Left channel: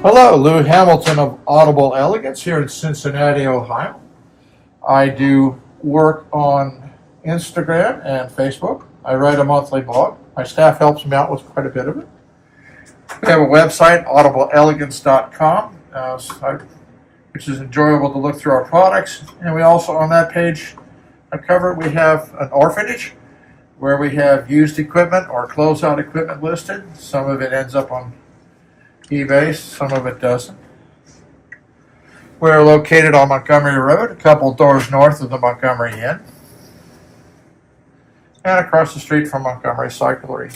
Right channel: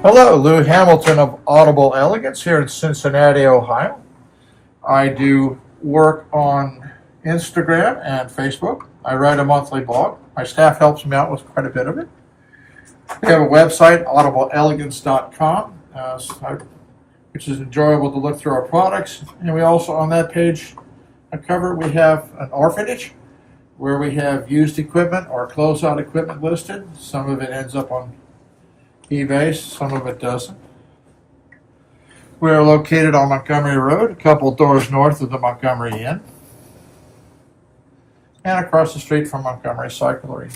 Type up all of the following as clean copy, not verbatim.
Hello, Lou Hamilton of Audible Elegance here in Cincinnati, Ohio. I do work on Instagram and Facebook. I write a monthly blog. My staff helps me out with quite a bit of it. We have a website, audibleelegance.com, which is enjoyable to look through our products. And we also, on that page, we have an orphanage where we have used equipment or closeout equipment listed. Some of it ends up on eBay, some of it doesn't. We're located on Montgomery Road, a couple doors north of the Montgomery Inn, and across the street from Montgomery Cyclery.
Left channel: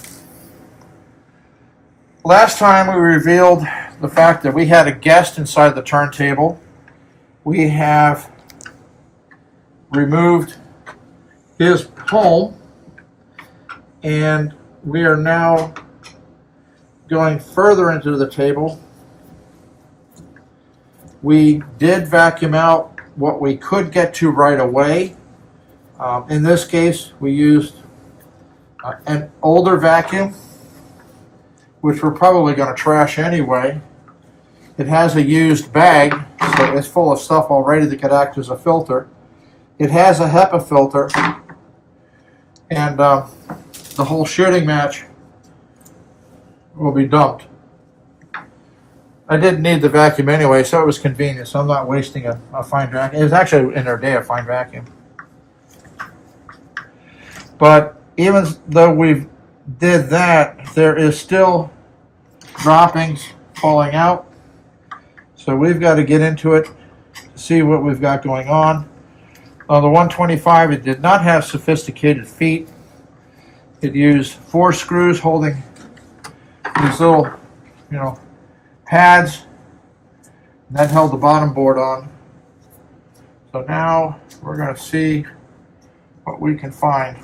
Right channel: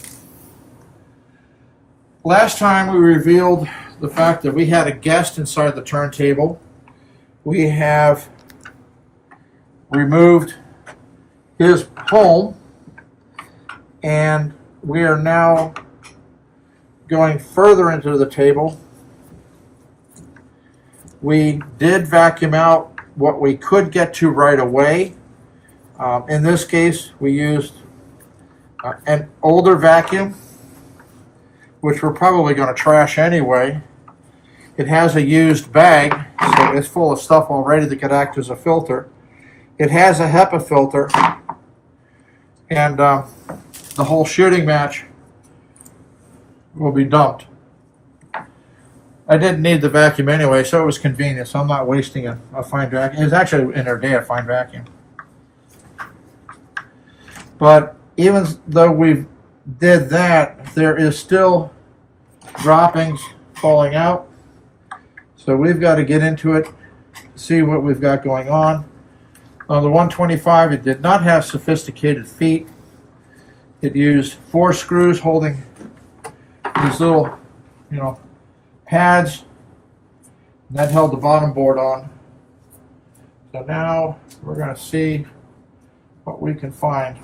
Last time we revealed the fact that we had a guest inside the turntable. We have removed his home, and we are now going further into the table. We did vacuum out what we could get to right away. In this case, we used an older vacuum, which we're probably going to trash anyway. It has a used bag, so it's full of stuff already that could act as a filter. It has a HEPA filter, and the whole shooting match will be dumped. I didn't need the vacuum anyway, so it was convenient, so I'm not wasting a fine vacuum. It's actually in our day a fine vacuum. But even though we did that, there is still droppings falling out. So we've got to get into it, see what we've got going on. On the 125, it did not have sophisticated feet. It used 4 screws holding these little, pads, and that held the bottom board on. So now we're going to see what we can find.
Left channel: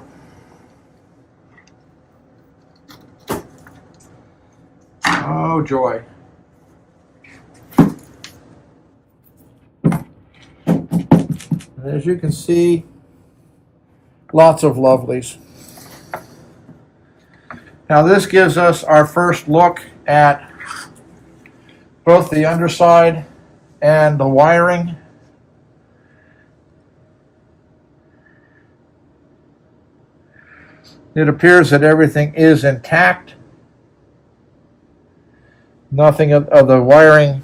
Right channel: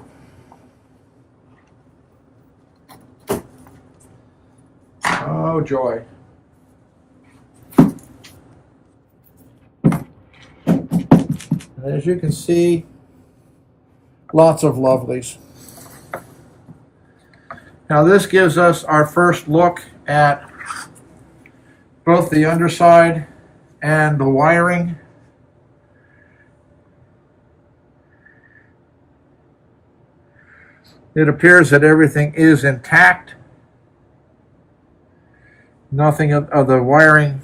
Oh joy. And as you can see, lots of lovelies. Now this gives us our first look at both the underside and the wiring. It appears that everything is intact. Nothing of the wiring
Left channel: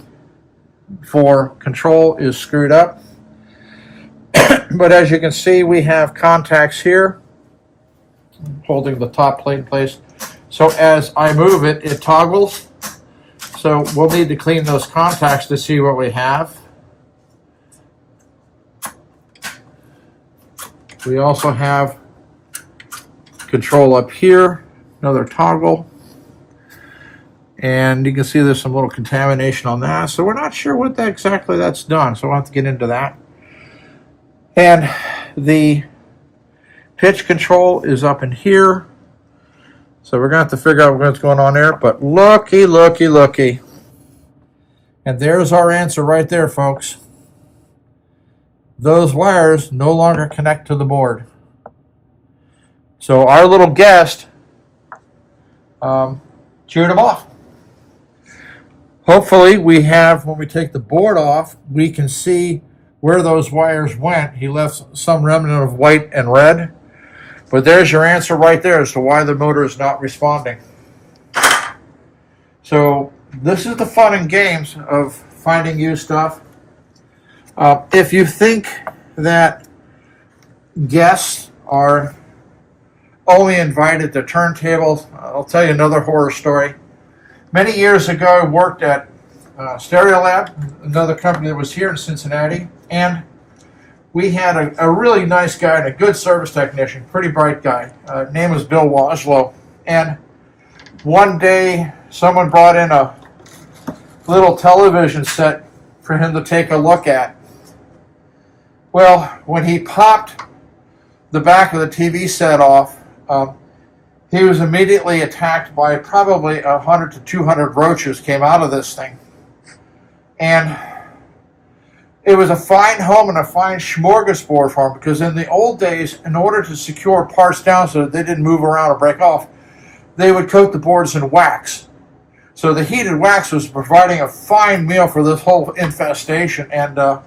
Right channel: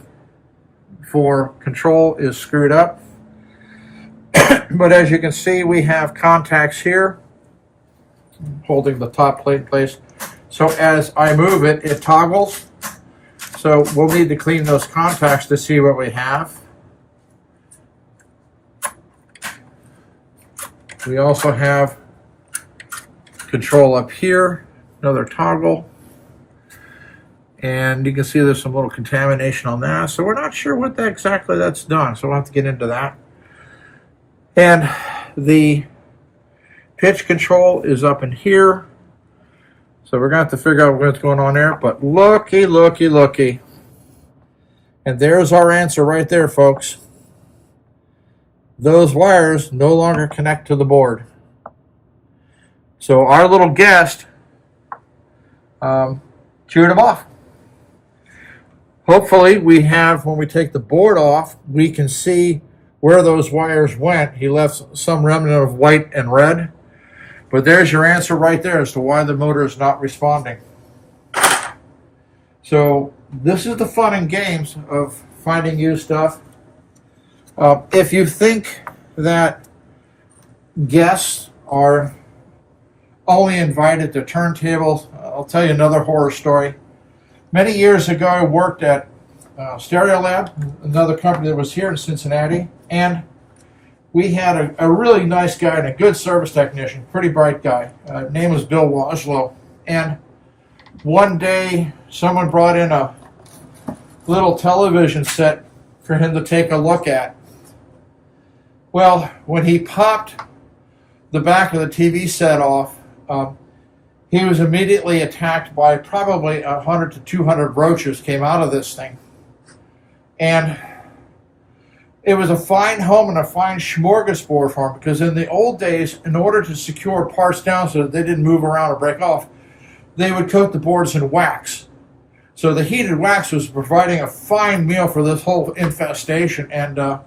for control is screwed up. But as you can see, we have contacts here holding the top plate in place. So as I move it, it toggles. So we'll need to clean those contacts to see what we have. We also have control up here, another toggle. And you can see there's some little contamination on that. So we're not sure what exactly that's done. So we'll have to get into that. And the pitch control is up in here. So we're going to have to figure out what's going on there. But looky, looky, looky. And there's our answer right there, folks. Those wires no longer connect to the board. So our little guest chewed them off. Hopefully we have, when we take the board off, we can see where those wires went. He left some remnant of white and red. But there's your answer right there as to why the motor is not responding. So this is the fun and games of finding used stuff. If you think that guests are only invited to turntables, I'll tell you another horror story. Many years ago, I worked at Stereolab, another company that was here in Cincinnati, and we had a really nice guy and a good service technician, pretty bright guy. Name was Bill Washlow. And one day, someone brought in a little television set for him to take a look at. Well, when he popped the back of the TV set off, he was immediately attacked by probably 100 to 200 roaches came out of this thing. And it was a fine home and a fine smorgasbord for him, because in the old days, in order to secure parts down so that they didn't move around or break off, they would coat the boards in wax. So the heated wax was providing a fine meal for this whole infestation, and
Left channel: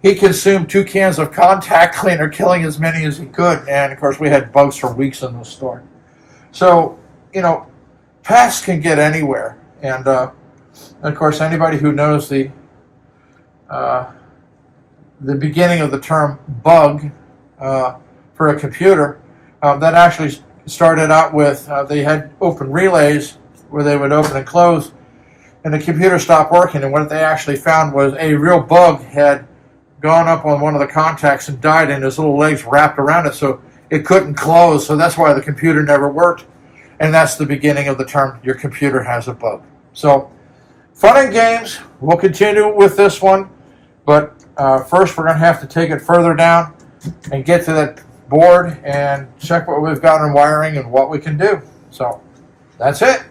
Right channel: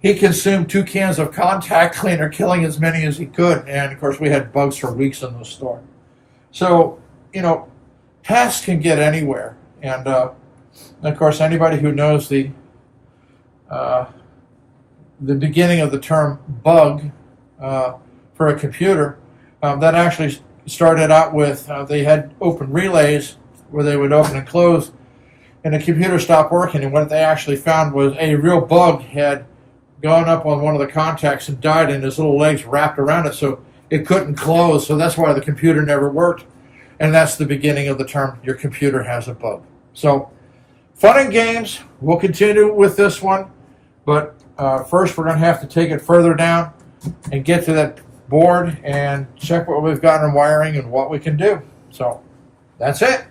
he consumed 2 cans of contact cleaner, killing as many as he could. And of course, we had bugs for weeks in the store. So, pests can get anywhere. And of course, anybody who knows the beginning of the term bug for a computer, that actually started out with they had open relays where they would open and close, and the computer stopped working. And what they actually found was a real bug had gone up on one of the contacts and died, and his little legs wrapped around it, so it couldn't close. So that's why the computer never worked. And that's the beginning of the term, your computer has a bug. So, fun and games. We'll continue with this one, but first we're going to have to take it further down and get to that board and check what we've got in wiring and what we can do. So, that's it.